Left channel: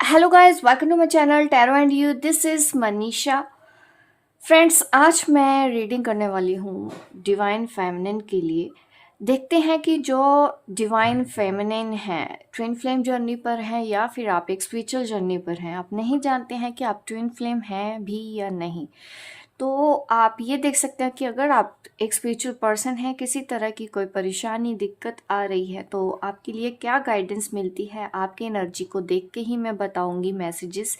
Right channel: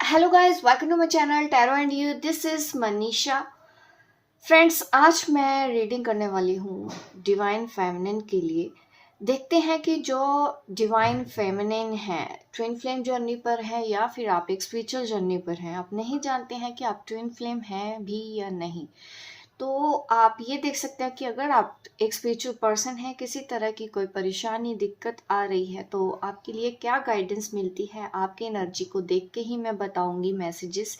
Hello guys, welcome to my channel tarot and you. This is Manisha. Friends, आज मैं reading करने वाली हूँ डिवाइन फेमिनिन के लिए। देखते हैं कि जो डिवाइन फेमिनिन है, ट्विन फ्लेम जर्नी पर है या फिर आप एक स्पिरिचुअल जर्नी पर हैं। आप नहीं जानते हैं कि आप ट्विन फ्लेम हैं भी या नहीं, तो आप ये देख सकते हैं कि अगर आप एक स्पिरिचुअल पर्सन हैं, किसी तरह की कोई परेशानी दिक्कत आ रही है, तो आपके लिए क्या गाइडेंस मिलती है। आपकी एनर्जी को देख के ही मैं बताऊंगी मैसेजेस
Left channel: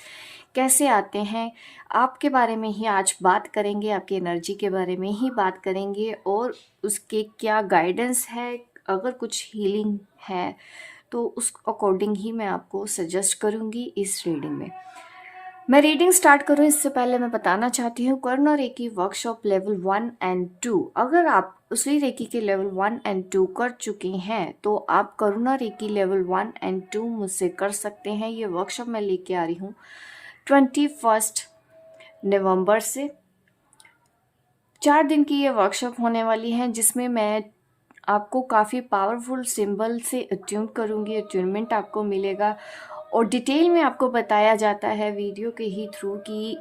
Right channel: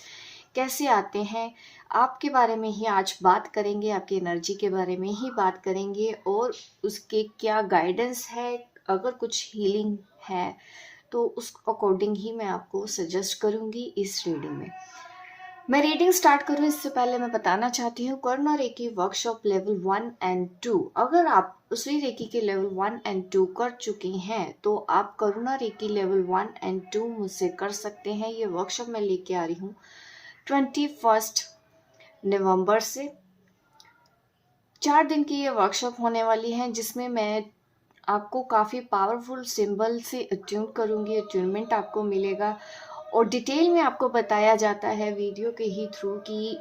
कैसे आते हैं। आपके बारे में ही आज बात करेंगे, आपकी एनर्जी के बारे में ही बात करेंगे और उसके क्या गाइडेंस है। अगर कुछ हीलिंग है तो उस अकॉर्डिंग ही मैं आपको सजेस्ट करूंगी इस रीडिंग में। मैं रीडिंग स्टार्ट करूं इससे पहले मैं बताना चाहती हूँ कर्ण और रेकी वर्कशॉप लेवल 1 एंड 2। अगर आप उसी रेकी के लेवल 1 एंड 2 कर चुके हैं तो आप करुणा रेकी लेवल 1 एंड 2 मुझसे कर सकते हैं। ये वर्कशॉप मैं लेके आ रही हूँ 21 नवंबर से। 4 दिन की ये वर्कशॉप होने वाली है, जिसमें मैं आपको काफ़ी पावरफुल सिंबल से अट्यून करूँगी। अट्यूनमेंट आपको मिलेगा और डिटेल में आपको बताया जाता है वीडियो के ही थ्रू कि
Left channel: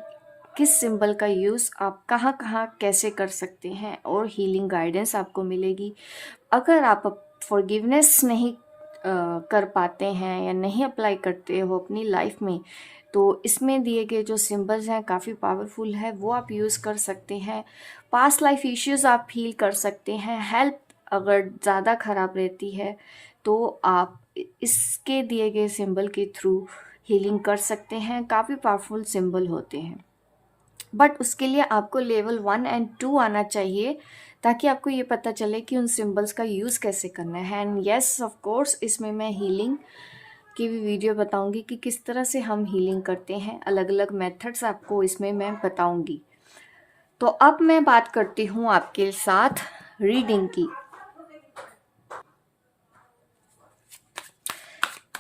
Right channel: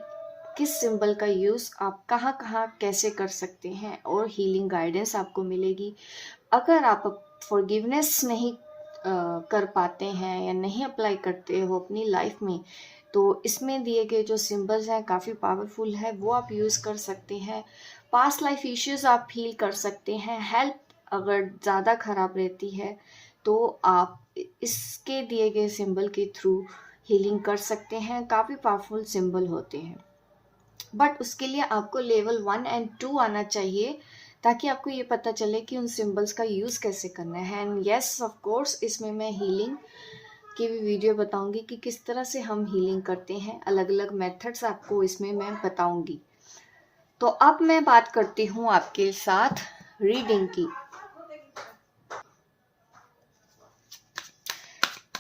किस सिंबल का यूज़ आप कहाँ कहाँ कैसे कर सकते हैं, और हीलिंग गाइडेंस आपको मिलेगी। अगर आप फॉरगिवनेस नहीं कर पाते हैं या नहीं अप्लाई करते हो अपनी लाइफ में, तो इसमें दिए गए जो सिंबल्स हैं काफ़ी पावरफुल है, वो आप यूज़ कर सकते हैं। पास्ट लाइफ इश्यूज आप हील कर सकते हैं। हेल्थ अगर ज़्यादा ख़राब रहती है तो आप इसके दिए गए सिंबल के थ्रू हीलिंग कर सकते हैं। काफ़ी पावरफुल सिंबल होते हैं, बट उसके लिए आपको लेवल 1 एंड 2 आना चाहिए, ताकि आपको ये पता चले कि उन सिंबल्स का यूज़ कैसे करना है। एंड यस, ऑफ कोर्स, इसमें मैं हीलिंग की भी वीडियो बताऊंगी कि किस तरह से हम हीलिंग करते हैं। अलग अलग मेथड्स आपको इसमें मैं बताऊंगी। तो अब मैं बात करती हूँ आपके साथ रीडिंग की।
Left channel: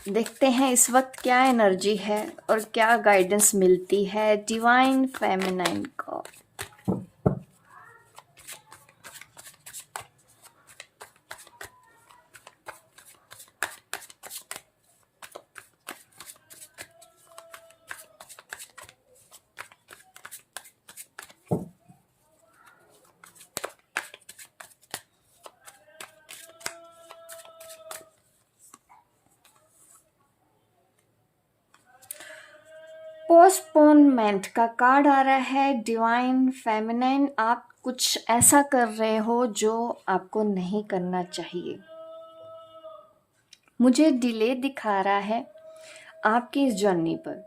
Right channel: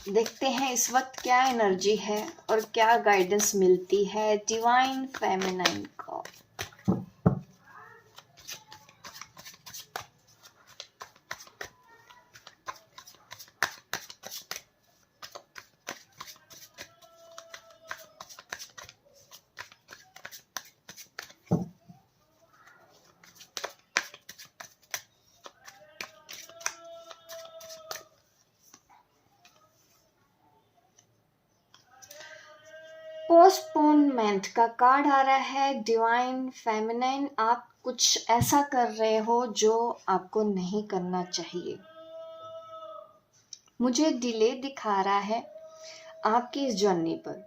देखते हैं इस वक्त क्या एनर्जी है और क्या गाइडेंस मिलती है डिवाइन फेमिनाइन को। पोस्टपोनमेंट का कार्ड आ रहा है डिवाइन फेमिनाइन। आप कुछ ऐसा कर रहे हो जो आपको नहीं करना चाहिए। मुझे डिले दिखा रहा है आपकी इस जर्नी पर।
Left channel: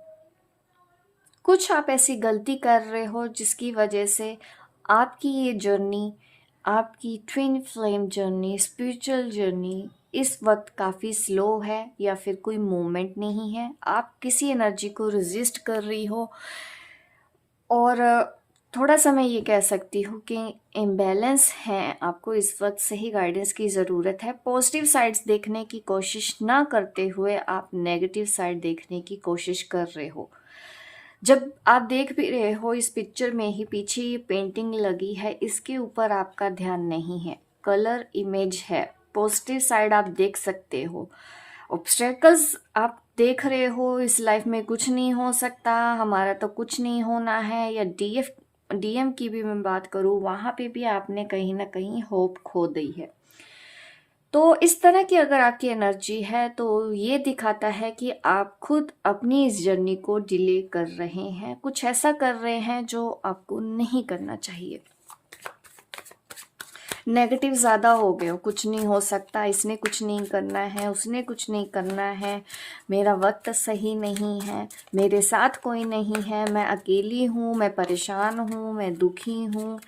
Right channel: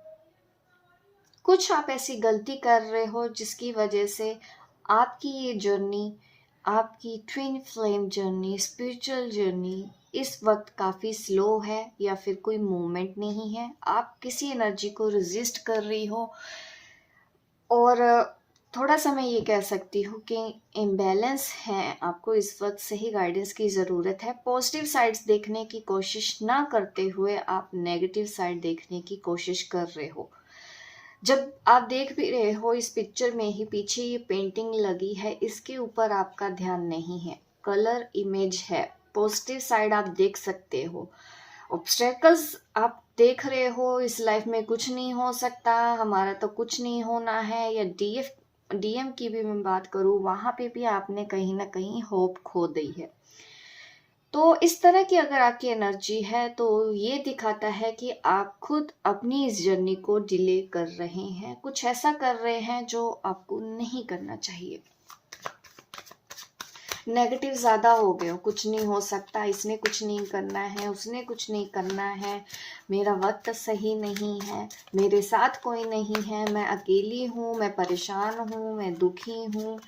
कुछ आप ऐसी गलती कर रहे हो जिसकी वजह से आपकी ये जर्नी, आपकी twin flame journey, spiritual journey इस वक्त काफ़ी स्लो है या फिर कोई मूवमेंट नहीं है। आप किसी एनर्जी को रेजिस्ट कर रही हो और थोड़ा सा मैं ये कह सकती हूँ कि इम्बैलेंस है। आपको इस वक्त सही गाइडेंस की ज़रूरत है। पॉजिटिव साइड्स देखने की कोशिश ना करते हुए आप नेगेटिव साइड देखने की कोशिश कर रहे हो। जब आप देख भी रहे हो इस पिक्चर में ही पीछे ये पेंटिंग लगी है, इसके ऊपर आपका ध्यान नहीं है। कलर इमेज है, पॉजिटिव साइड आप देख सकते हो। ऑब्स्टेकल्स आप देख रहे हो, इस लाइफ में कुछ नहीं हो सकता, हमारा तो कुछ नहीं होना है, या डीएम की भी मैं बात करूँ, वहाँ पे भी आपने कहीं ना कहीं होप खो दी है। तो इस तरह की अगर आपकी एनर्जी है तो ये दिखाता है कि आप खुद अपनी इस जर्नी को डिले कर रहे हैं। कुछ ऐसा कर रहे हैं जो आपको नहीं करना चाहिए। नेगेटिव ज़्यादा हो गए हो, कुछ नहीं हो सकता, इसने कुछ नहीं करना है, उसने कुछ नहीं करना है, मेरा वक्त सही नहीं है, मेरे साथ कोई नहीं है, मैं अकेली हूँ, मैं परेशान हूँ, मैं दुखी हूँ।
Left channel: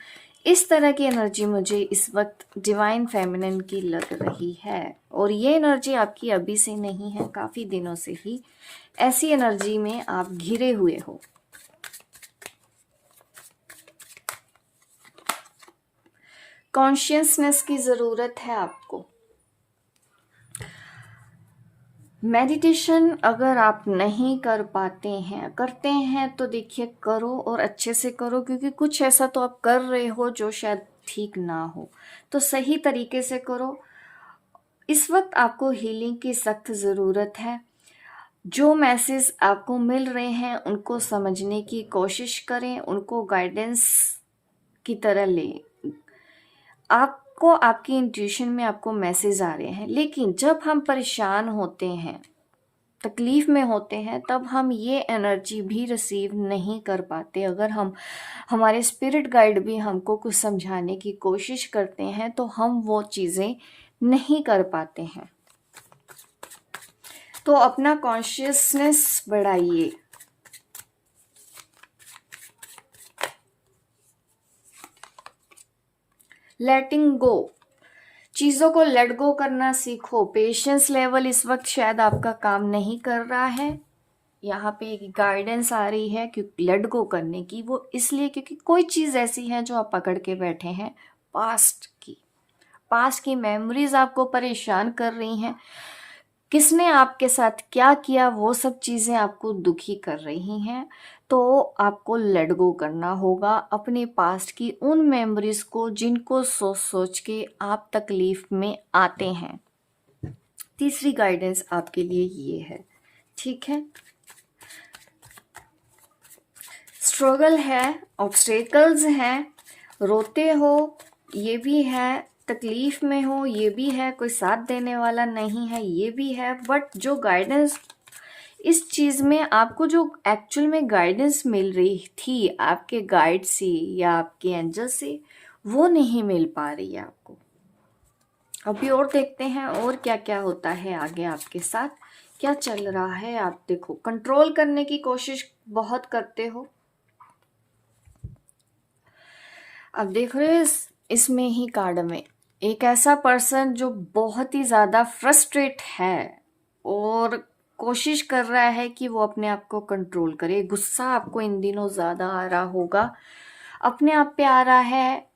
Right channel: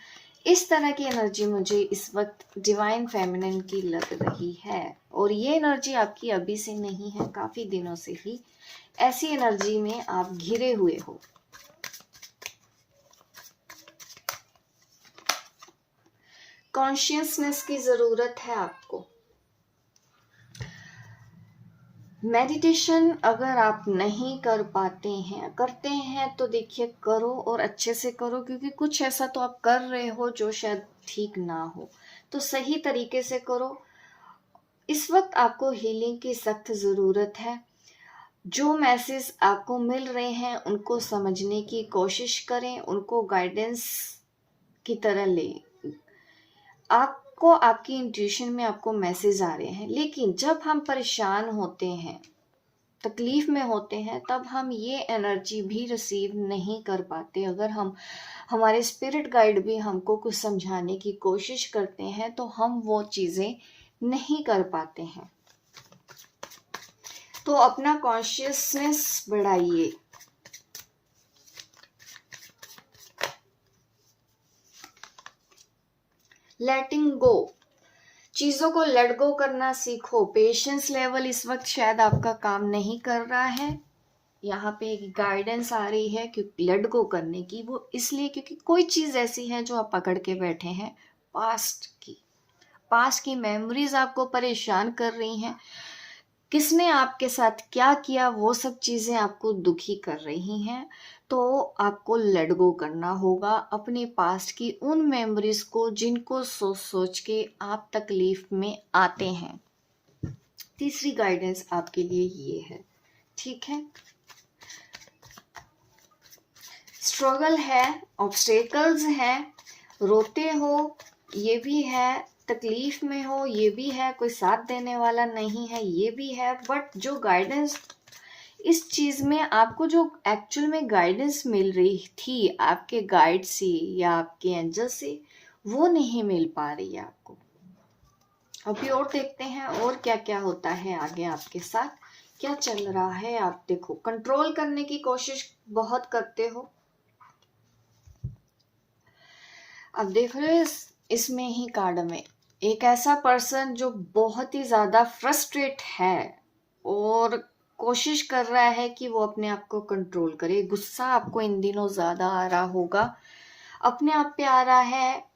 इस तरह की एनर्जी मुझे इस वक्त डिवाइन फेमिनिन की लग रही है, और ये एनर्जी आपकी अभी से नहीं है, काफ़ी दिनों से ही ऐसी एनर्जी में आप घिरे हुए हो। कॉन्शियसनेस की ज़रूरत है आपको। मेडिटेशन अगर आप नहीं कर पाते हैं, करते हैं तो देखिए करो और अच्छे से करो, क्योंकि कुछ ऐसा तो आप कर रहे हो जो शायद ठीक ना हो, तो सही तरीके से करो। इस वक्त आपको हीलिंग की सख्त ज़रूरत है। जो मैसेज आपको मिल रहे हैं उनको समझने की कोशिश करें, उनको गाइडेंस की तरह लें। आपको आपकी इंट्यूशन में आपको मैसेज आ रहे हैं, लेकिन जब हम परेशान होते हैं, तकलीफ में होते हैं, तब हम ये एनर्जी भी रिसीव नहीं कर पाते। अगर हम हमारे स्पिरिट गाइड भी हमको कुछ समझाने की कोशिश करते हैं तो हम वो चीज़ें नहीं कर पाते हैं। तो अपना कॉन्शियसनेस बढ़ाइए। लेटिंग गो, चीज़ों को लेट गो करना सीखो। पेशेंस लेवल इस वक्त शायद आपका काम नहीं कर रहा है। यहाँ पे एक गाइडेंस आ रही है क्योंकि लेट गो करने की, वो इसलिए क्योंकि कोई चीज़ ऐसी है जो आप पकड़ के बैठे हैं, पास्ट की मेमोरीज आपको परेशान कर रही हैं। किसने आपके साथ क्या किया, वो सब चीज़ें आपको दुखी कर रही हैं। तो आपको लेट गो करना होगा अपने पास्ट की उन मेमोरीज को जिनको सोच सोच के आप तकलीफ में आते हैं। तीसरी गाइडेंस आपके लिए ये है, ठीक है। स्ट्रगल है, ऑब्स्टेकल्स हैं, रोते हो ये भी है, तकलीफ में हो ये भी है, कोई साथ देने वाला नहीं है ये भी है, बट जो गाइडेंस इस चीज़ में आपको जो एक्चुअल में गाइडेंस मिल रही थी आपके गाइड से या आपके एंजल से, वो नहीं मिल पा रही है आपको। अभी और देखते हैं और क्या क्या होता है आगे आपके साथ, क्या चल रहा है। आप देखो, कंट्रोल करने की कोशिश बहुत करते हो। अब देख रहे हो इसमें ही कार्ड में एक ऐसा पर्सन जो बहुत ही ज़्यादा फ्रस्ट्रेट है और कोशिश कर रहा है कि वो अपने आप को कंट्रोल करे। गुस्सा आपको इन दिनों ज़्यादा आ रहा होगा, अपने आप पे आ रहा है।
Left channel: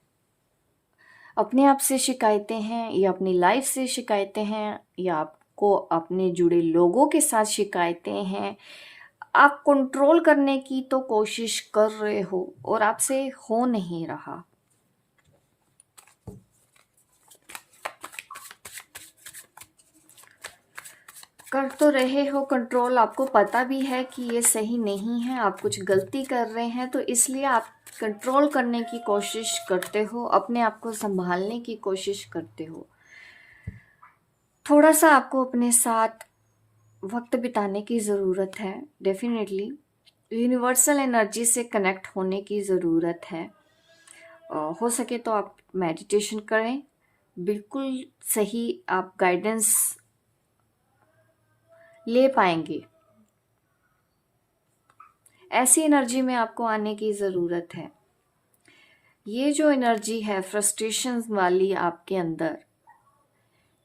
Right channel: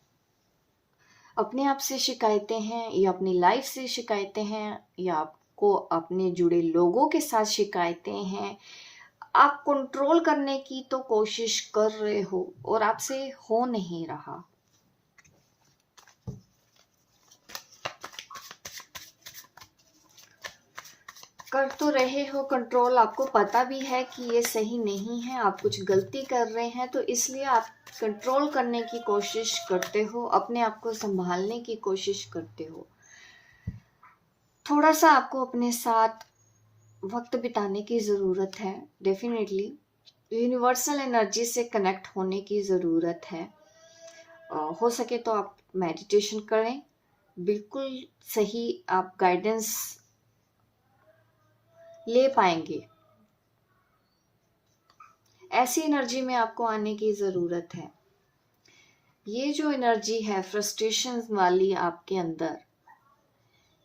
अपने आप से शिकायतें हैं या अपनी लाइफ से शिकायतें हैं या आपको अपने जुड़े लोगों के साथ शिकायतें हैं। आप कंट्रोल करने की तो कोशिश कर रहे हो और आपसे हो नहीं रहा। कर तो रहे हो कंट्रोल, आपको पता भी है कि ये सही नहीं है, आप कुछ गलती कर रहे हैं, तो इसलिए आप कंट्रोल करने की कोशिश करते हो, अपने आप को संभालने की कोशिश करते हो। थोड़ा सा आपको अपने साथ वक्त बिताने की ज़रूरत है। डेफिनेटली यूनिवर्सल एनर्जी से कनेक्ट होने की ज़रूरत है। हो सके तो आप मेडिटेशन करें, बिल्कुल सही आप गाइडेंस ले पाएंगे। ऐसी एनर्जी में आपको आने की ज़रूरत है। ये जो एनर्जी है फ्रस्ट्रेशन वाली आपके अंदर,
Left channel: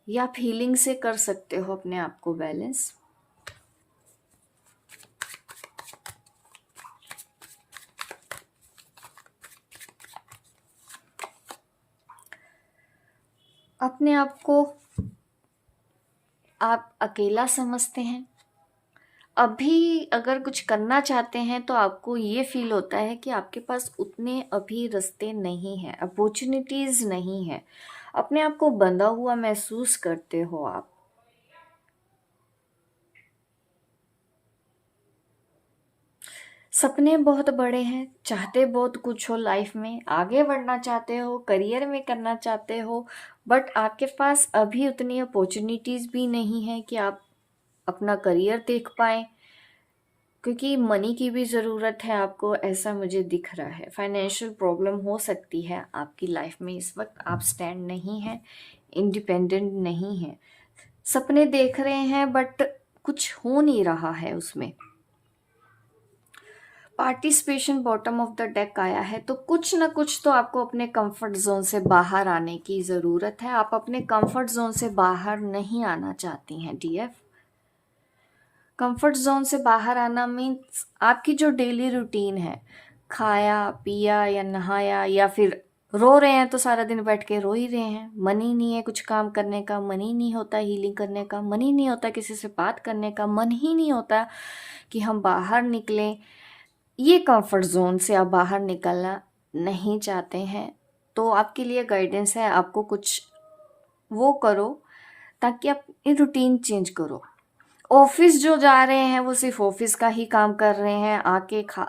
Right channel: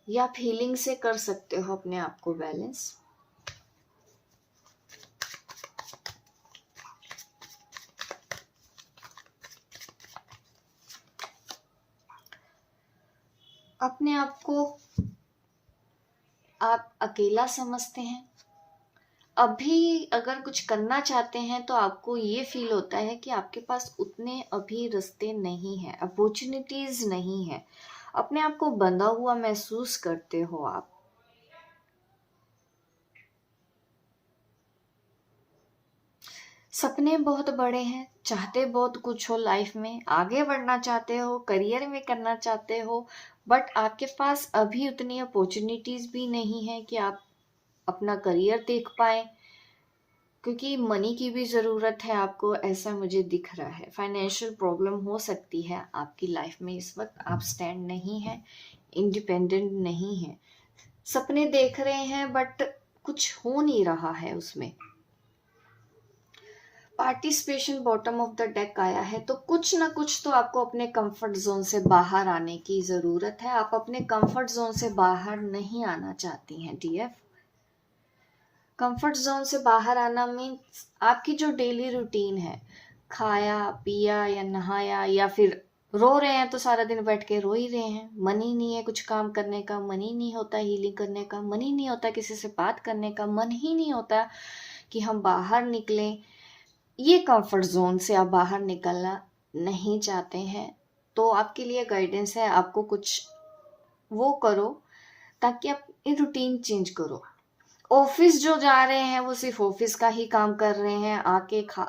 या आप हीलिंग से कर सकते हो अपने आप को बैलेंस। अपने आप को आप अकेला समझते हैं। अभी अगर कुछ करना चाहते हैं तो आपको ये फील होता है कि आपके पास उतने अभी रास्ते नहीं हैं, अपॉर्चुनिटीज नहीं है। अपने आप को बंधा हुआ महसूस करते हो आप। सपने बहुत बड़े हैं, चाहते बहुत कुछ हो लाइफ में, आगे बढ़ना चाहते हो, करियर में करना चाहते हो, बट आपके पास अभी उतनी अपॉर्चुनिटीज भी नहीं है कि आप अपना करियर देख पाए, क्योंकि मनी की भी ज़रूरत है आपको, ऐसा मुझे दिख रहा है। फाइनेंशियल प्रॉब्लम हो सकती है आपकी लाइफ में इस वक्त, आप स्टैंड नहीं हैं, इंडिपेंडेंट नहीं हैं। सपने देख रहे हैं बट कुछ हो नहीं रहा है उसमें। Participation bottom of the deck आया है, तो कुछ ना कुछ तो आपको अपने कंफर्ट जोन से बाहर आने की ज़रूरत है। आप अपने कंफर्ट जोन से बाहर नहीं आना चाहती हैं डीएफ। कंफर्ट जोन से बाहर आना मीन्स आपकी जो डेली रूटीन है, खाया पिया या नहाया, या फिर रो रहे हैं तो सारा दिन बैठ के रो ही रहे हैं, मन ही नहीं है कुछ काम करने का, मन ही नहीं होता हीलिंग करने का, मन ही नहीं होता किसी से बात करने का, मन ही नहीं होता कि हम बाहर निकलें। ये कंफर्ट जोन से आप बाहर निकलना नहीं चाहते हैं, तो आपके लिए गाइडेंस है, आपको कुछ वो करो ताकि आप ये रूटीन चेंज करो। ऑफिस जो जा रहे हैं वो सिर्फ ऑफिस का ही काम कर रहे हैं,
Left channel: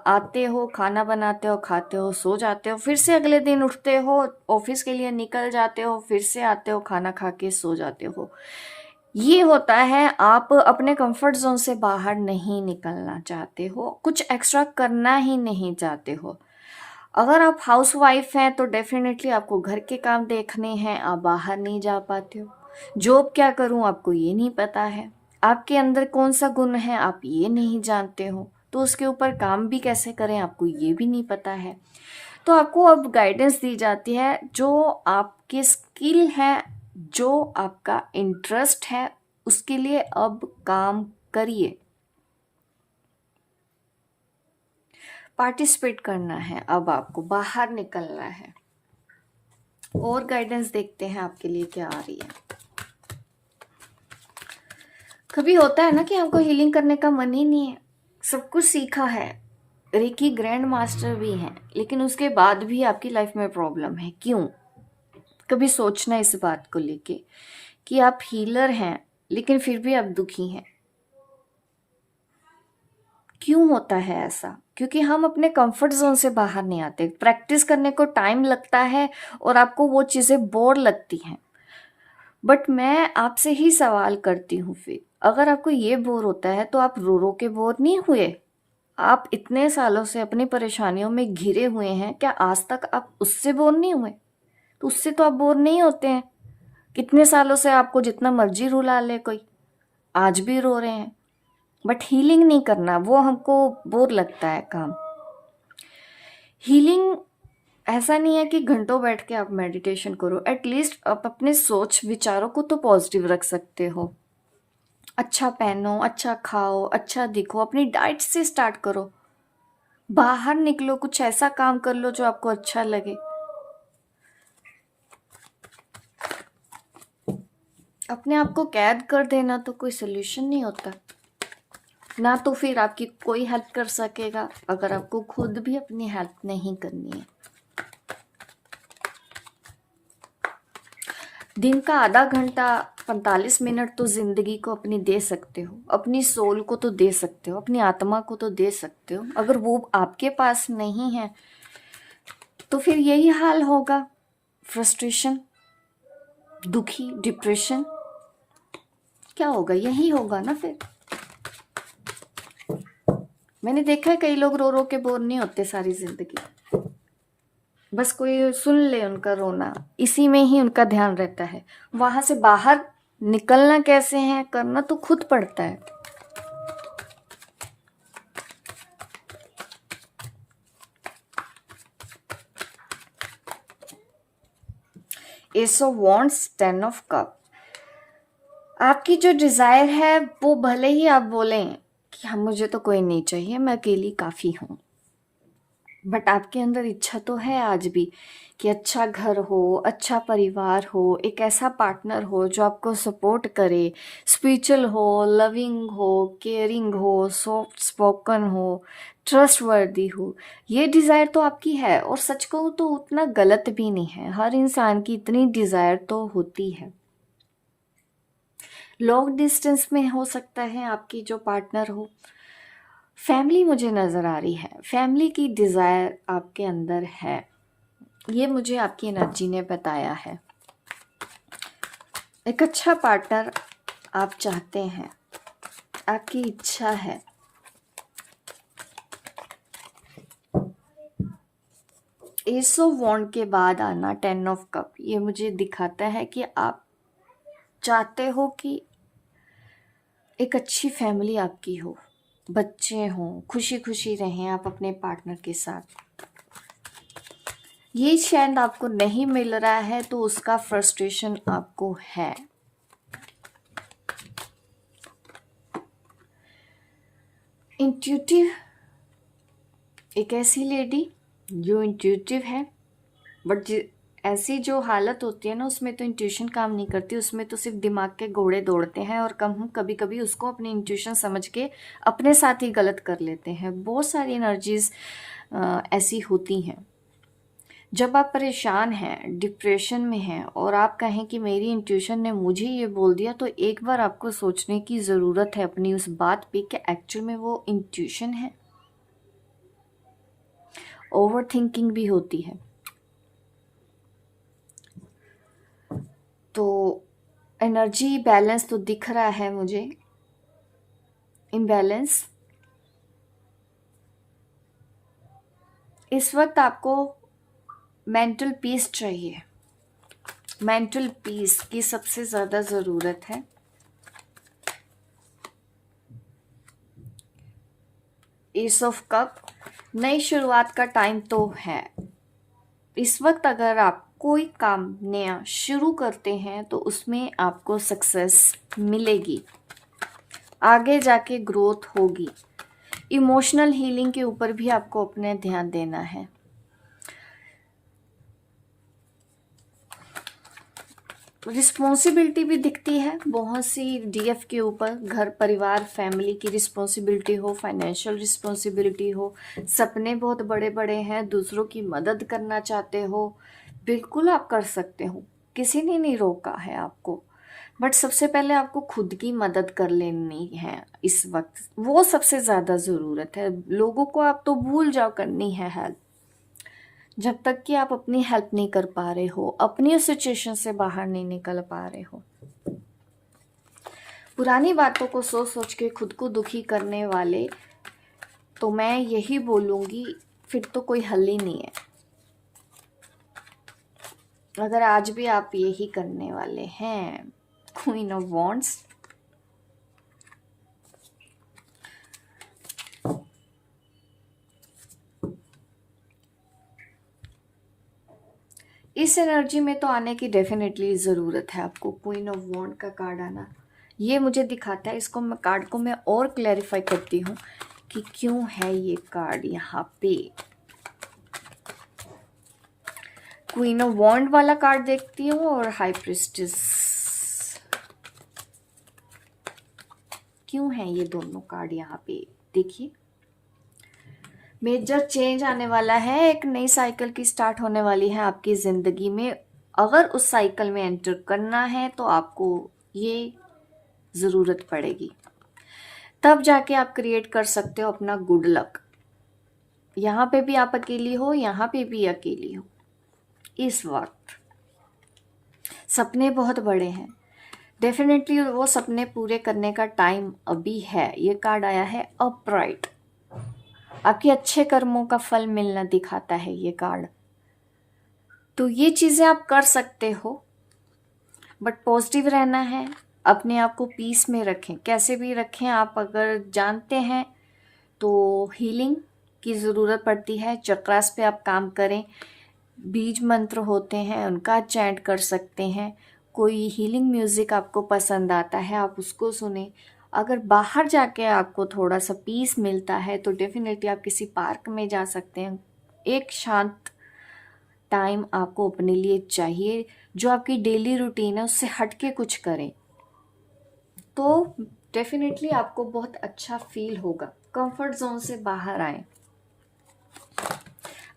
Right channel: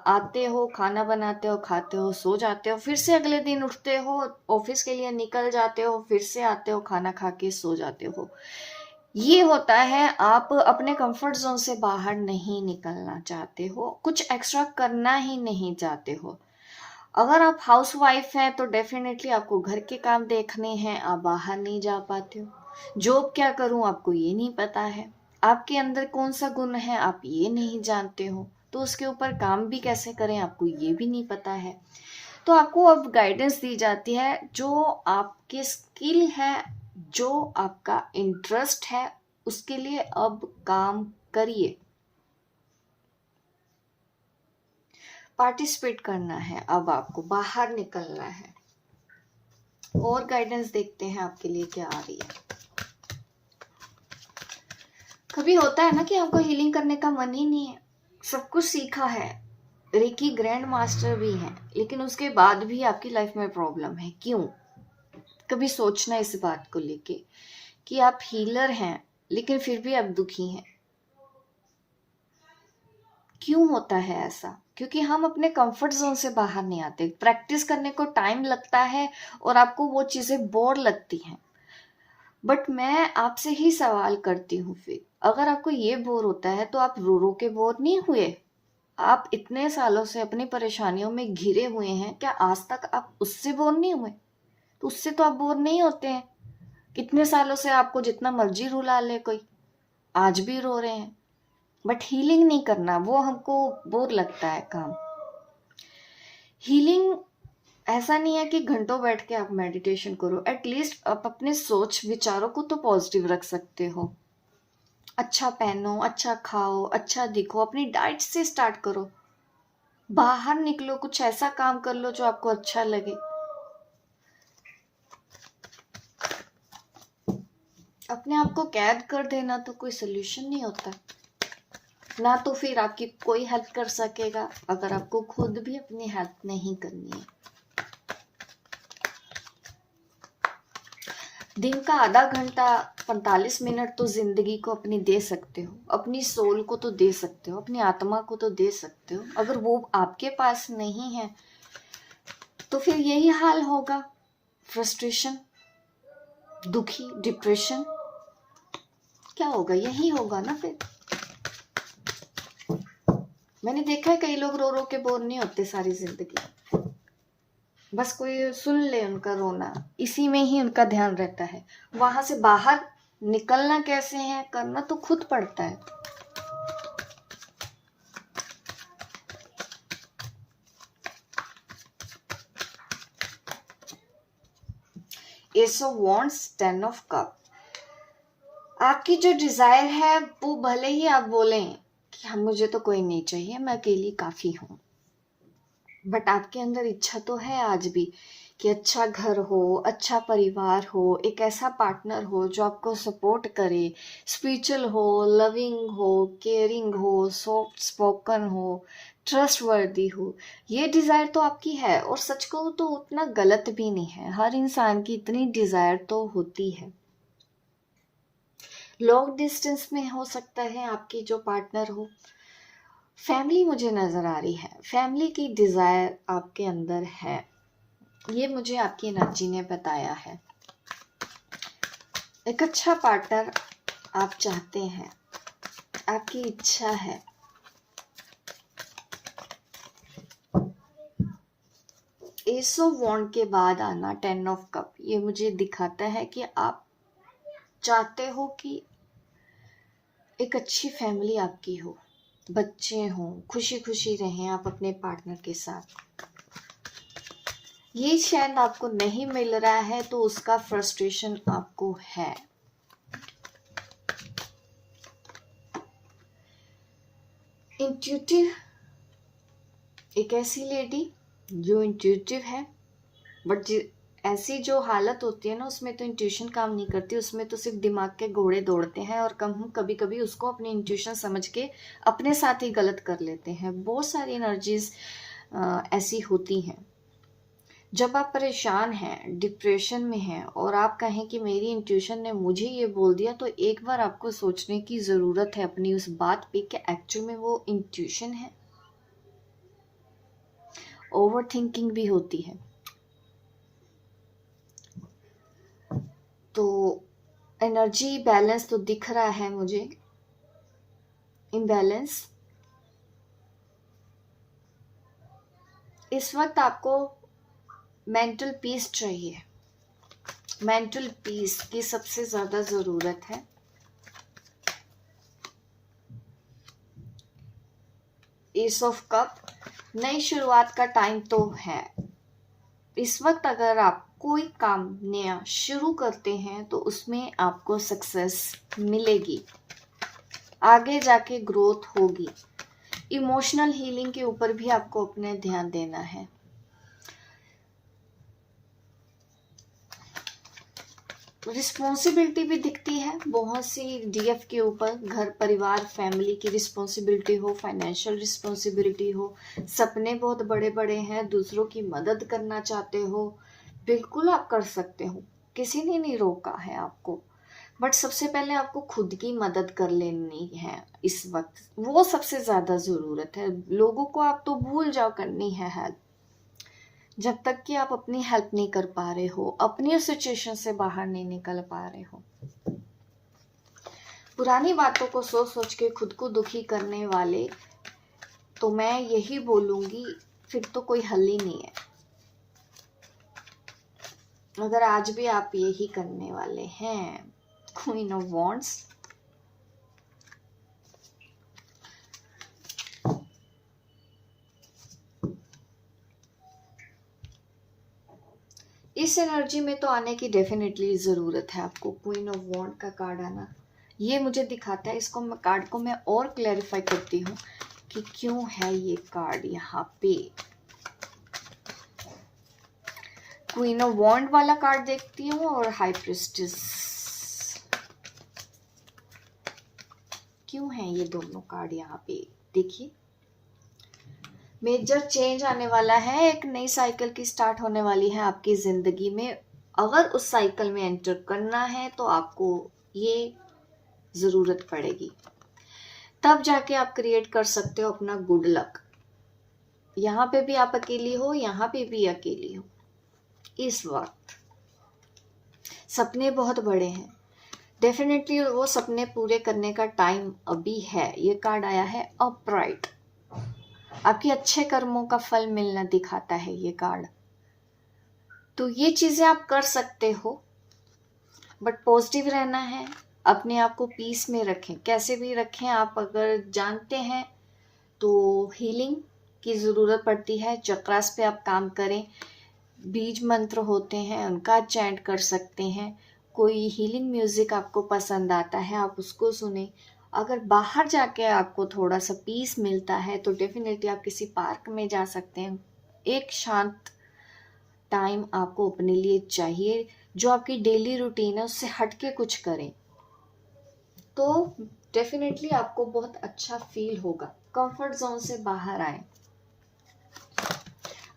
आते हो, खाना बनाते हो, खाते हो, सो जाते हो, फिर से अगले दिन उठते हो, ऑफिस के लिए निकल जाते हो, फिर से आते हो, खाना खा के सो जाते हो। ये होता है, आप अपने कंफर्ट जोन से बाहर नहीं निकलना चाहते हो, कुछ एक्स्ट्रा करना ही नहीं चाहते हो। अगर आप हाउस वाइफ हैं तो डेफिनेटली आपको घर के काम देखने हैं, आप बाहर नहीं जा पाते हो। जॉब क्या करूं आपको ये नहीं पता है, आपके अंदर कौन सा गुण है आप ये नहीं जानते हो, तो उसके ऊपर काम भी कैसे करें आपको ये भी नहीं पता है। तो आपको अब गाइडेंस दी जाती है, जो आपकी स्किल है, जो आपका इंटरेस्ट है, उसके लिए अब काम करिए, पार्टिसिपेट करना है, अब आपको बाहर निकलना है। और गाइडेंस देखते हैं आपके लिए क्या आ रही है। कभी होता है ना कि हमको हीलिंग करने का मन ही नहीं है, सब कुछ सीखा है, रेकी ग्रैंड मास्टर भी हैं, लेकिन उसके बाद भी आपकी लाइफ में प्रॉब्लम है, क्यों? कभी सोचना इस बात को लेके कि आप हीलर हैं लेकिन फिर भी आप दुखी हैं। क्यों होता है ऐसा? क्योंकि हम अपने कंफर्ट जोन से बाहर नहीं आते, प्रैक्टिस करने को टाइम लगता है और आपको वो चीजें बोर लगती हैं। बट मैं आपसे ही सवाल करती हूँ, फिर अगर आपको ये बोर होता है तो आप रो रो के बोर नहीं हुए? आप इतने सालों से अपनी परेशानियों में घिरे हुए हैं, क्या आज तक आप उससे बोर नहीं हुए? तो उससे तो आप बोर नहीं होते हैं। कितने सालों से आपको जितना मर्जी रुला ले कोई, आज भी रो रहे हैं। बट हीलिंग नहीं करना, वो हमको बोर लगता है काम। हीलिंग ऐसा नहीं है कि घंटों बैठ के आप मेडिटेशन करो, एटलीस्ट आप अपने सोच विचारों को तो पॉजिटिव रख सकते हो। अच्छा पहनो, अच्छा खाओ, अच्छा दिखो, अपनी डाइट से स्टार्ट करो, बाहर निकलो, कुछ ऐसा काम कर लो जो आपको अच्छा लगे। अपने आप को कैद कर देना तो कोई सोल्यूशन नहीं होता ना, तो फिर आपकी कोई हेल्प कर सकेगा अगर आपको खुद भी अपनी हेल्प नहीं करनी है। दिन का आधा घंटा 45 मिनट तो जिंदगी को अपनी दे सकते हो, अपनी सोल को तो दे सकते हो, अपनी आत्मा को तो दे सकते हो। अगर वो आपके पास नहीं है तो फिर यही हाल होगा, फ्रस्ट्रेशन, दुखी, डिप्रेशन, क्या होगा? यही होगा ना फिर। मैंने देखा है कई लोग रो रो के बोर नहीं होते सारी जिंदगी, बस कोई सुन ले उनका रोना, इसी में ही उनका ध्यान रहता है। वहां से बाहर निकलना कैसे है, करना तो खुद पड़ता है। S of wands, 10 of cup. आपकी जो डिजायर है वो भले ही आप बोलें कि हम, मुझे तो कोई नहीं चाहिए, मैं अकेली काफी हूं, बट आपके अंदर इच्छा तो है आज भी कि अच्छा घर हो, अच्छा परिवार हो, एक ऐसा पार्टनर हो जो आपको सपोर्ट करे, स्पिरिचुअल हो, लविंग हो, केयरिंग हो, सॉफ्ट स्पोकन हो, ट्रस्टवर्दी हो। ये डिज़ायर तो आपकी है, और सच कहूँ तो उतना गलत भी नहीं है, हर इंसान की इतनी डिज़ायर तो होती है। लॉन्ग डिस्टेंस में हो सकता है आपकी जो पार्टनर हो। फैमिली मुझे नज़र आ रही है, फैमिली की डिज़ायर आपके अंदर है, ये मुझे आपकी एनर्जी ने बताया है। एक अच्छा पार्टनर आप चाहते हैं, आपकी इच्छा है। एस ऑफ वॉन्ड के बाद आना 10 ऑफ कप, ये मुझे दिखाता है कि आप चाहते हो कि एक अच्छी फैमिली आपकी हो, बच्चे हों, खुशी खुशी रहें आप अपने पार्टनर के साथ। ये शायद आपको नहीं मिल रहा है तो उसका फ्रस्ट्रेशन आपको है। इंट्यूटिव, एक ऐसी लेडी जो इंट्यूटिव है, बट ऐसी जो हालत होती है ना, उसमें तो इंट्यूशन काम नहीं करती, उसमें तो सिर्फ दिमाग के घोड़े दौड़ते हैं, और कभी कभी उसको अपनी इंट्यूशन समझ के अपने साथ ही गलत कर लेते हैं। बहुत सारी एनर्जीज ऐसी होती हैं। जब आप परेशान हैं, डिप्रेशन में हैं और आप कहें कि मेरी इंट्यूशन ने मुझे ये बोल दिया, तो एक बार आपको सोचने की ज़रूरत है अपनी उस बात पे कि एक्चुअल में वो इंट्यूशन है। ओवर थिंकिंग भी होती है। तो एनर्जी बैलेंस तो दिख रहा है मुझे, इम्बैलेंस। इस वक्त आपको मेंटल पीस चाहिए, मेंटल पीस की सबसे ज़्यादा ज़रूरत है। एस ऑफ कप, नई शुरुआत का टाइम तो है। इस वक्त अगर आप कोई काम नया शुरू करते हैं तो उसमें आपको सक्सेस मिलेगी, आगे जाके ग्रोथ होगी। इमोशनल हीलिंग के ऊपर भी आपको अपने ध्यान देना है। रिस्पॉन्सिबिलिटी भी दिखती है बहुत सी डीएफ के ऊपर, घर परिवार फैमिली की रिस्पॉन्सिबिलिटी हो, फाइनेंशियल रिस्पॉन्सिबिलिटी हो, सपने बहुत बड़े बड़े हैं, दूसरों की मदद करना चाहते हो, बिल्कुल आप कर सकते हो, किसी ने नहीं रोका है आपको। बट सबसे पहले आपको खुद की मदद कर लेनी है इस वक्त, वो सबसे ज़्यादा ज़रूरत है। लोगों को आप तो भूल जाओ करनी है हेल्प, जब तक कि आप अपनी हेल्प नहीं कर पा रहे हो, अपनी उस सिचुएशन से बाहर नहीं निकल पा रहे हो। पुरानी बातों को सोच सोच के खुद को दुखी करने वाले, तो मैं यही बोलूँगी फिर तो कोई हल ही नहीं है। अगर आज भी आप यही करने वाले हैं, क्वीन ऑफ वॉन्ड्स, इस एनर्जी में तो आने की डेफिनेटली ज़रूरत है आपको। क्वीन ऑफ वॉन्ड का कार्ड आना ये मुझे दिखाता है, इसको मैं कार्ड को मैं और क्लैरिफाई करती हूँ कि क्यों है ये कार्ड यहाँ पे। क्वीन ऑफ वॉन्ड वाला कार्ड देखती हूँ और हाई प्रिस्टेस, क्यों है ये दोनों कार्ड यहाँ पे। देखिए, मेजर चेंज आने वाला है, एक नई साइकिल की स्टार्ट होने वाली है आपकी ज़िंदगी में। अगर उस साइकिल में एंटर करना है तो आपको ये ज़रूरत पड़ेगी, तब जाके आप क्रिएट कर सकते हो अपना गुड लक। यहाँ पे भी आप अकेली हो, यहाँ पे भी अकेली हो। इस वक्त सपने बहुत बड़े हैं, डेफिनेटली वो सपने पूरे करने का टाइम अभी है। ये कार्ड आया है अपराइट, आपके अच्छे कर्मों का फल मिलना दिखाता है ये कार्ड। तो ये चीज़ें आप कर सकते हो, बट पॉजिटिव रहना है, अपने आप को पीस में रखें। कैसे भी रखें, आप अगर जानते हैं तो हीलिंग की ज़रूरत पड़ती है, चक्रास पे आप काम करें, बीज मंत्र होते हैं उनका चैंट कर सकते हैं। कोई हीलिंग म्यूज़िक आपको पसंद आता है आप उसको सुने। अगर बाहर जाके आपको थोड़ा सा पीस मिलता है तो डेफिनेटली आप किसी पार्क में जा सकते हैं। एक शांत टाइम आपको अपने लिए चाहिए, जो आपकी डेली रूटीन है उससे हट के कुछ करें तो डेफिनेटली आपको बहुत अच्छा फील होगा। कंफर्ट जोन से बाहर आए।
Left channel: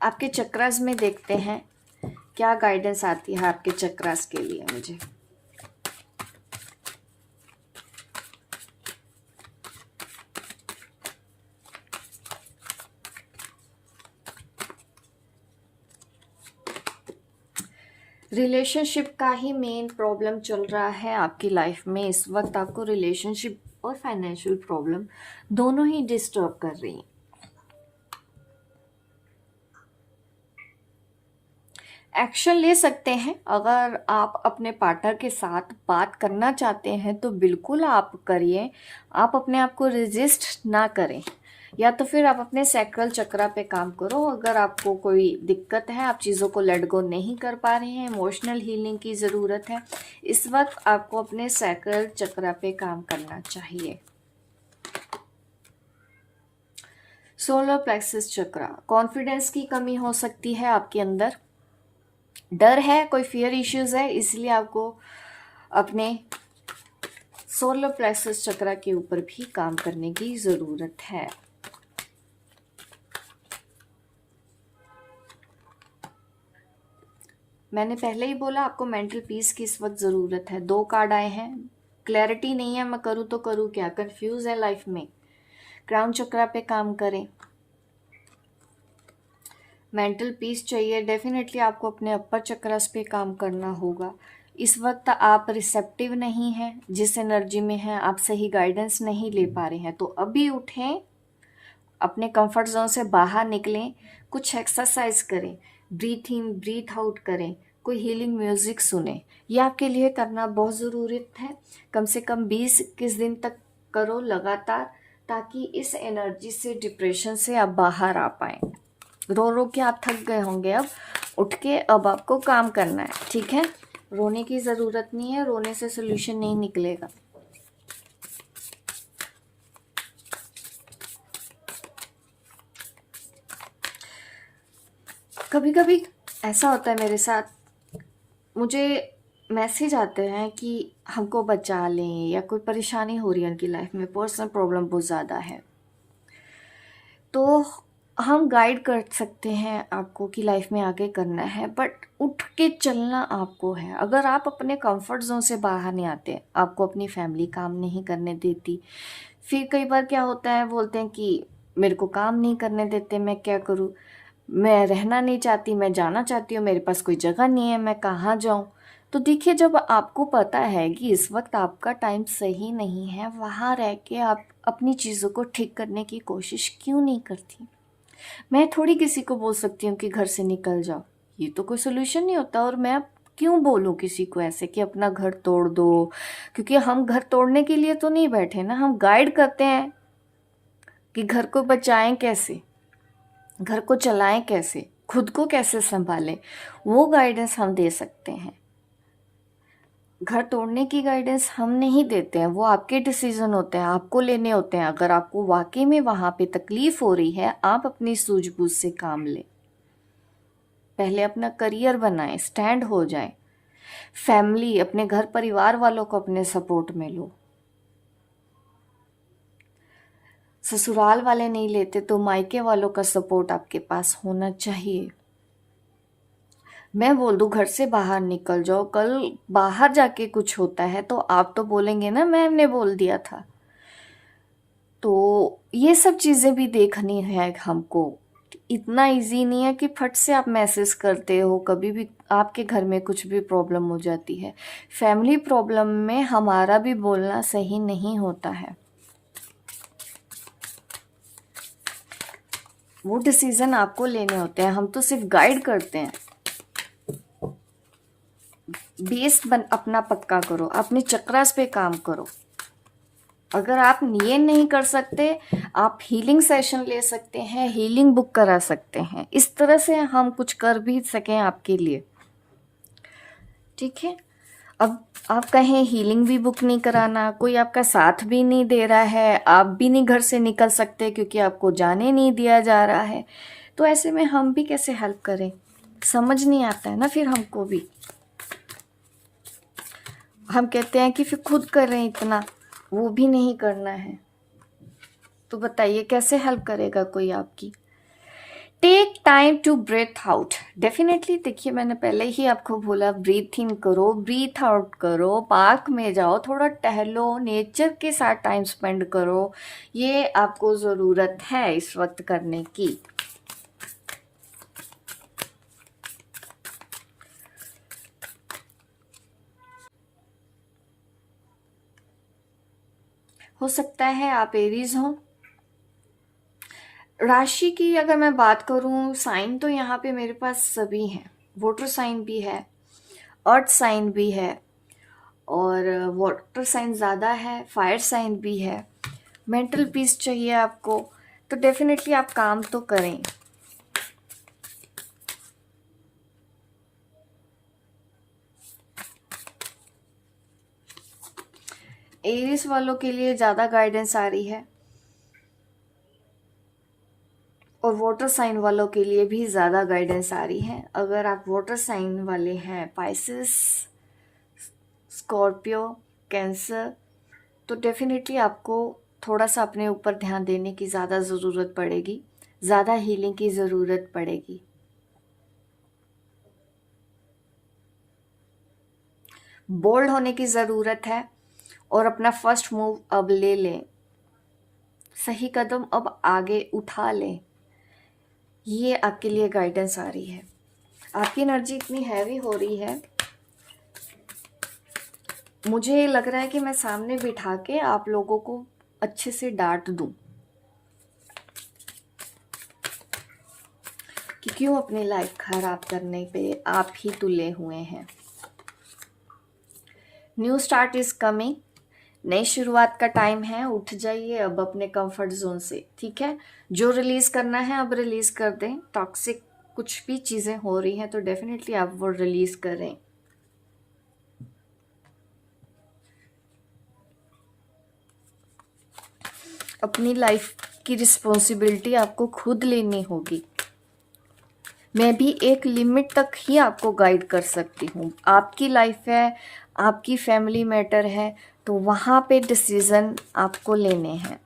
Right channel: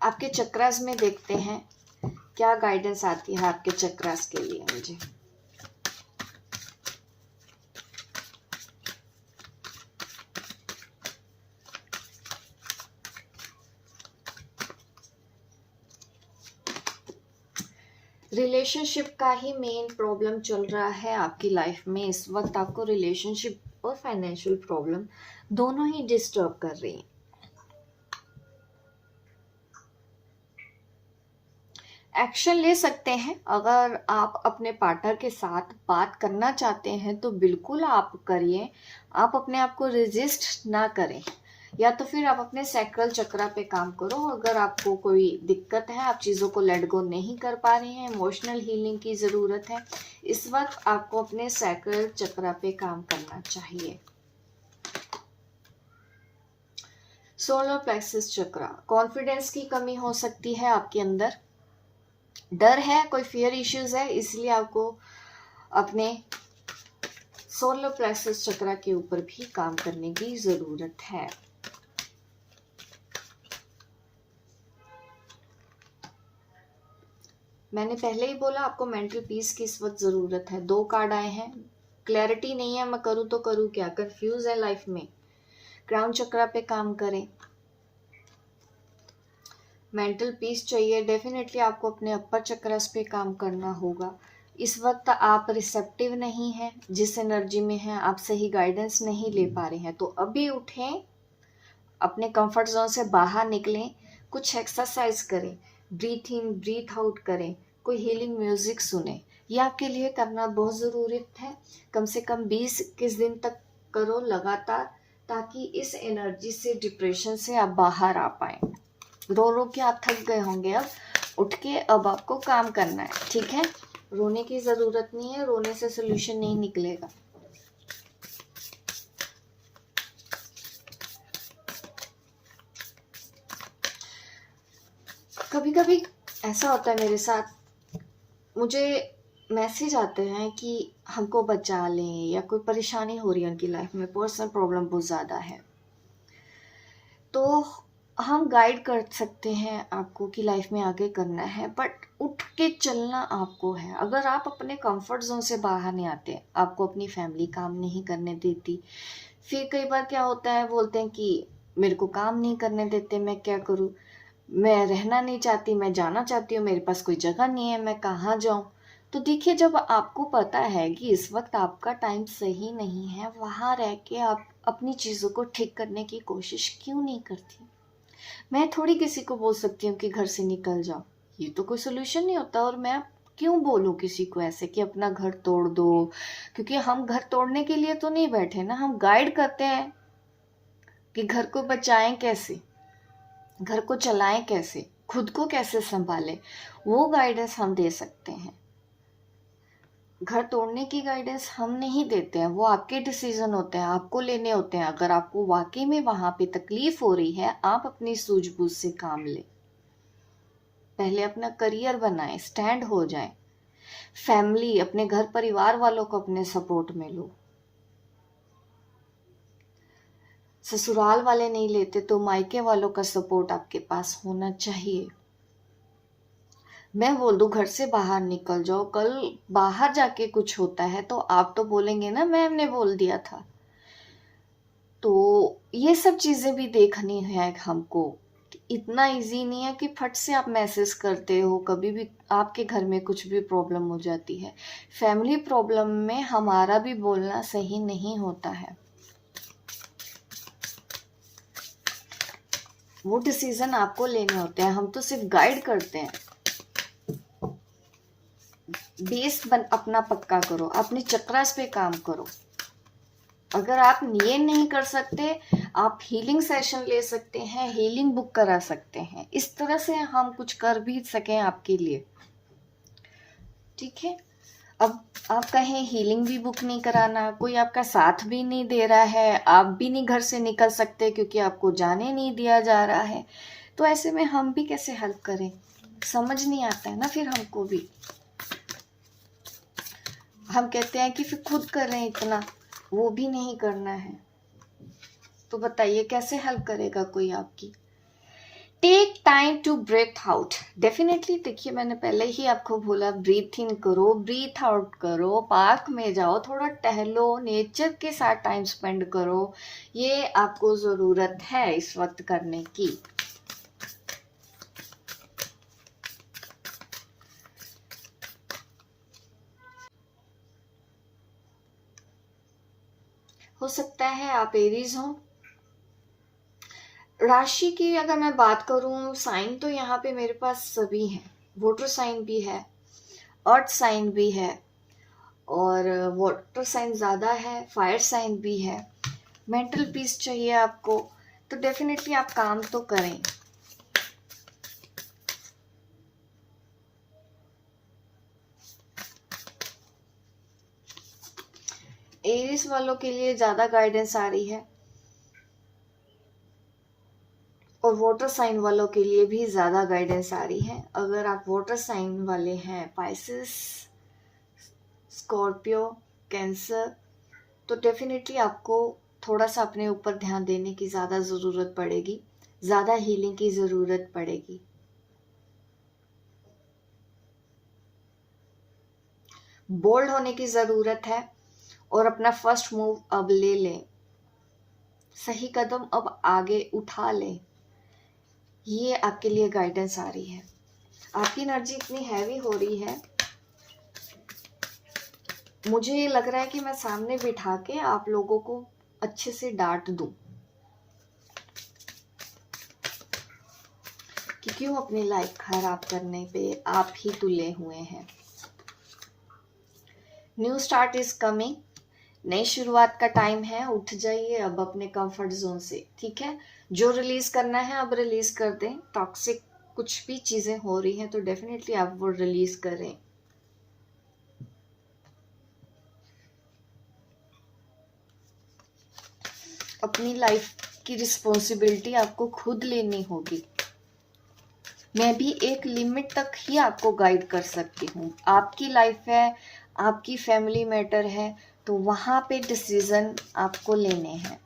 आपके चक्रास में देखते हैं क्या गाइडेंस आती है आपके चक्रास के लिए मुझे। रिलेशनशिप का ही मेन प्रॉब्लम चल रहा है आपकी लाइफ में इस वक्त। आपको रिलेशनशिप और फाइनेंशियल प्रॉब्लम दोनों ही डिस्टर्ब कर रही हैं। एक्शन ले सकते हैं, अगर आप अपने पार्टनर के साथ बात करना चाहते हैं तो बिल्कुल आप करिए। आप अपने आप को रेजिस्ट ना करें, या तो फिर आप अपने सैक्रल चक्रा पे काम करो। अगर आपको कोई दिक्कत है, आप चीज़ों को लेट गो नहीं कर पा रहे हैं, इमोशनल हीलिंग की ज़रूरत है, इस वक्त आपको अपने सैक्रल चक्रा पे काम करना चाहिए। सोलर प्लेक्सस चक्रा, कॉन्फिडेंस की कमी हो सकती है आपके अंदर, डर है, कोई फियर इश्यूज है, इसलिए आपको अपने सोलर प्लेक्सस चक्रा के ऊपर भी काम करने की ज़रूरत है। मैंने पहले ही बोला आपको मेंटल पीस की इस वक्त ज़रूरत है। 2 कार्ड आए हैं, क्लैरिटी नहीं है, मैं करूँ तो करूँ क्या, कंफ्यूज है लाइफ में। क्राउन चक्रा पे काम करें, मेंटल पीस चाहिए, डेफिनेटली आपको अपने अपर चक्रस पे काम करना होगा। इस वक्त आप रिसेप्टिव नहीं हैं, जिस एनर्जी में हैं आप सही गाइडेंस नहीं ले पा रहे हैं, तो अभी उठें, अपने कंफर्ट जोन से बाहर निकलें, कुछ एक्सरसाइज करें, ब्रीथ इन ब्रीथ आउट करें, कोई हीलिंग म्यूजिक सुने। ये आपके लिए करना बहुत ज़रूरी है। कम से कम 20-21 दिन तक करो लगातार, ताकि इस एनर्जी से, डिप्रेशन से आप बाहर आ पाएँ। रो रो के आप थक गए होंगे, अब उठ के अब आपको काम करना है, ठीक है। रोने की ज़रूरत नहीं है, रोने से सोल्यूशन नहीं निकलेगा। कभी कभी ऐसा होता है मेरे साथ, मुझे मैसेज आते हैं कि हमको बचा लें, या कोई परेशानी हो रही है उनकी लाइफ में, पर्सनल प्रॉब्लम बहुत ज़्यादा है, तो हम गाइड कर सकते हैं आपको कि लाइफ में आगे करना है, बट उठ के चलना आपको है। अगर आप अपने कंफर्ट जोन से बाहर नहीं आते, आपको अपनी फैमिली काम नहीं करने देती, फिर कई बार क्या होता है, बोलते हैं कि मेरे को काम नहीं करने देते, मैं क्या करूँ, मैं रहना नहीं चाहती, मैं जाना चाहती हूँ, मेरे पास कोई जगह नहीं है, मैं कहाँ जाऊँ। तो देखिए, जब आपको पता है कि इस वक्त आपका टाइम सही नहीं है, वहाँ रह के आप अपनी चीज़ों को ठीक करने की कोशिश क्यों नहीं करती। मैं थोड़ी किसी को बोल सकती हूँ कि घर से निकल जाओ, ये तो कोई सोल्यूशन नहीं होता। और मैं क्यों बोलूँ किसी को ऐसे कि अपना घर तोड़ दो, क्योंकि हम घर तोड़ने के लिए तो नहीं बैठे ना, हम गाइड करते हैं कि घर को बचाएं कैसे, घर को चलाएं कैसे, खुद को कैसे संभालें, वो गाइडेंस हम दे सकते हैं। घर तोड़ने की गाइडेंस हम नहीं देते हैं, वो आपके डिसीजन होते हैं, आपको लेने होते हैं। अगर आपको वाकई में वहाँ पे तकलीफ हो रही है, आप अपनी सूझबूझ से काम लें, पहले अपना करियर बनाएं, स्टैंड हो जाएं, फैमिली, अपने घर परिवार वालों को अपने सपोर्ट में लो। ससुराल वाले नहीं लेते तो मायके वालों का सपोर्ट आपके पास होना चाहिए। मैं बोल दूं घर से बाहर निकल जाओ, कल बाहर जाके कुछ होता है तो आप तो बोलेंगे ना मैंने बोल दिया था। तो ये सब चीज़ें भी देखनी है हमको। इतना इजी नहीं है कि फट से आप मैसेज करते हो, कभी भी आपके घर में कुछ भी प्रॉब्लम हो जाती है, फैमिली प्रॉब्लम में हमारा भी बोलना सही नहीं होता है। वो डिसीजन आपको लेने होते हैं, हम तो सिर्फ गाइड करते हैं। बेस अपना पक्का करो, अपने चक्रास पे काम करो। अगर आप ये नहीं कर सकते, आप हीलिंग सेशन ले सकते हैं, हीलिंग बुक करा सकते हैं, इस तरह से हम कुछ कर भी सकें आपके लिए, ठीक है। अब आप कहें हीलिंग भी बुक नहीं कराना, कोई आपका साथ भी नहीं दे रहा है, आप भी नहीं घर से निकल सकते क्योंकि आपको जाने नहीं दिया जा रहा है, तो ऐसे में हम भी कैसे हेल्प करें, समझ नहीं आता है ना फिर हमको भी। हम कहते हैं कि फिर खुद कर रहे हैं इतना, वो भी नहीं करना है, तो बताइए कैसे हेल्प करेगा कोई आपकी। Take time to breathe out, definitely. देखिए, मैंने पहले ही आपको बोला, ब्रीथ इन करो, ब्रीथ आउट करो, पार्क में जाओ, थोड़ा टहलो, नेचर के साथ टाइम स्पेंड करो, ये आपको ज़रूरत है इस वक्त करने की। हो सकता है आप एरीज हो। राशि की अगर मैं बात करूं, साइन तो यहाँ पे मेरे पास सभी हैं, वाटर साइन भी है, अर्थ साइन भी है, और वाटर साइन ज़्यादा है, फायर साइन भी है। मेंटल पीस चाहिए आपको, तो डेफिनेटली आप काम तो करें। एरिस वालों के लिए ज़्यादा गाइडेंस आ रही है, और वाटर साइन वालों के लिए भी ज़्यादा गाइडेंस आ रही है। अगर आप वाटर साइन वाले हैं, पाइसेस, स्कॉर्पियो, कैंसर, तो डेफिनेटली आपको थोड़ा सा अपने ऊपर ध्यान देने की ज़्यादा ज़रूरत पड़ेगी, ज़्यादा हीलिंग की ज़रूरत पड़ेगी। बोल्ड होने की ज़रूरत है और अपना फर्स्ट मूव अब ले लें, सही कदम अब आगे उठा लें। ये आपके लिए गाइडेंस आ रही है। आपकी एनर्जी इतनी हैवी हो रही है, मुझे लग रहा है कि मैं सामने बिठा के आप लोगों को अच्छे से डांट दूं कि क्यों अपनी लाइफ खराब करने पे आप ही तुले हुए हैं। न्यू स्टार्ट इज कमिंग, नई शुरुआत का टाइम है। उठ जाइए अब अपने कंफर्ट जोन से, ठीक है। जो रिलीज करना है अब रिलीज कर दें। टॉक्सिक कुछ भी चीजें हो रही हैं तो डेफिनेटली आप वो रिलीज करें। अपनी लाइफ की रिस्पॉन्सिबिलिटी आपको खुद लेनी होगी। मैं भी एक लिमिट तक ही आपको गाइड कर सकती हूँ। आपकी लाइफ है, आपकी फैमिली मैटर है, तो वहाँ पे डिसीजन आपको लेने हैं,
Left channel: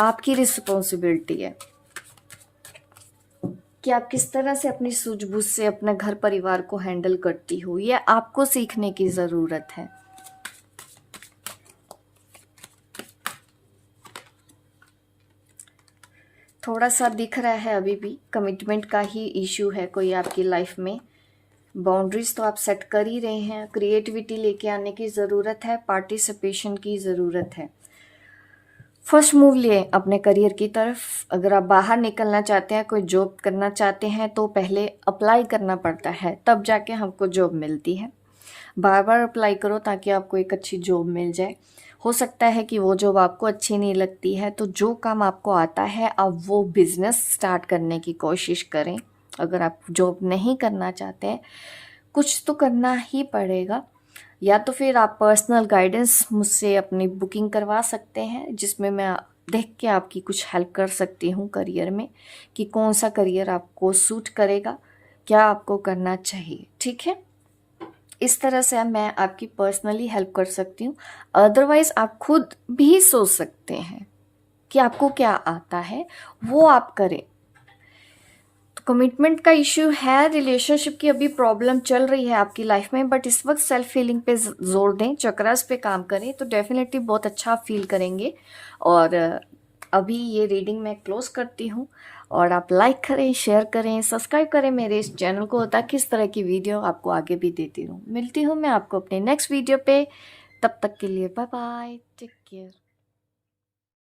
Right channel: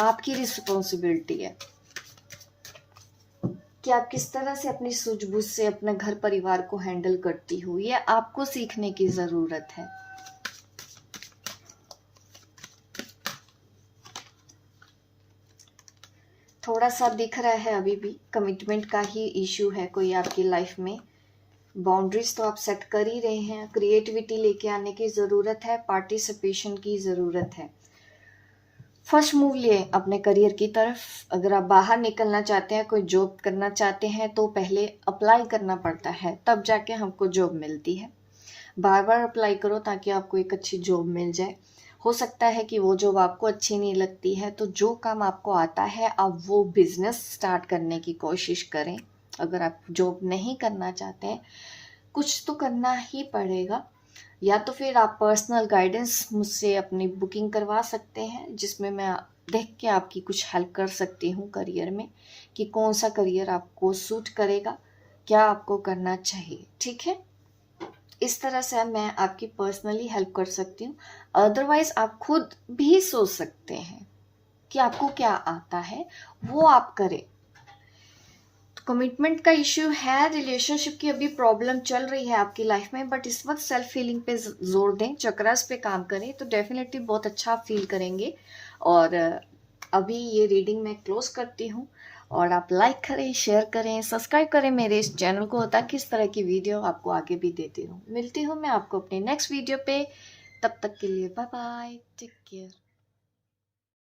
आपकी रिस्पॉन्सिबिलिटी है कि आप किस तरह से अपनी सूझबूझ से अपने घर परिवार को हैंडल करती हो। ये आपको सीखने की ज़रूरत है। थोड़ा सा दिख रहा है अभी भी कमिटमेंट का ही इश्यू है कोई आपकी लाइफ में। बाउंड्रीज तो आप सेट कर ही रहे हैं, क्रिएटिविटी लेके आने की ज़रूरत है, पार्टिसिपेशन की ज़रूरत है। फर्स्ट मूव लिए अपने करियर की तरफ। अगर आप बाहर निकलना चाहते हैं, कोई जॉब करना चाहते हैं, तो पहले अप्लाई करना पड़ता है, तब जाके हमको जॉब मिलती है। बार बार अप्लाई करो ताकि आपको एक अच्छी जॉब मिल जाए। हो सकता है कि वो जॉब आपको अच्छी नहीं लगती है, तो जो काम आपको आता है आप वो बिजनेस स्टार्ट करने की कोशिश करें। अगर आप जॉब नहीं करना चाहते हैं, कुछ तो करना ही पड़ेगा। या तो फिर आप पर्सनल गाइडेंस मुझसे अपनी बुकिंग करवा सकते हैं, जिसमें मैं देख के आपकी कुछ हेल्प कर सकती हूँ करियर में, कि कौन सा करियर आपको सूट करेगा, क्या आपको करना चाहिए, ठीक है। इस तरह से मैं आपकी पर्सनली हेल्प कर सकती हूँ। अदरवाइज आप खुद भी सोच सकते हैं कि आपको क्या आता है, वो आप करें। कमिटमेंट का इश्यू है, रिलेशनशिप की अभी प्रॉब्लम चल रही है आपकी लाइफ में, बट इस वक्त सेल्फ फीलिंग पे जोर दें, चक्रास पे काम करें, तो डेफिनेटली बहुत अच्छा फील करेंगे। और अभी ये रीडिंग मैं क्लोज करती हूँ, और आप लाइक करें, शेयर करें, सब्सक्राइब करें मेरे इस चैनल को, ताकि इस तरह की वीडियो आपको आगे भी देती रहूँ। मिलती हूँ मैं आपको अपने नेक्स्ट वीडियो पे, तब तक के लिए बाय बाय, टेक केयर।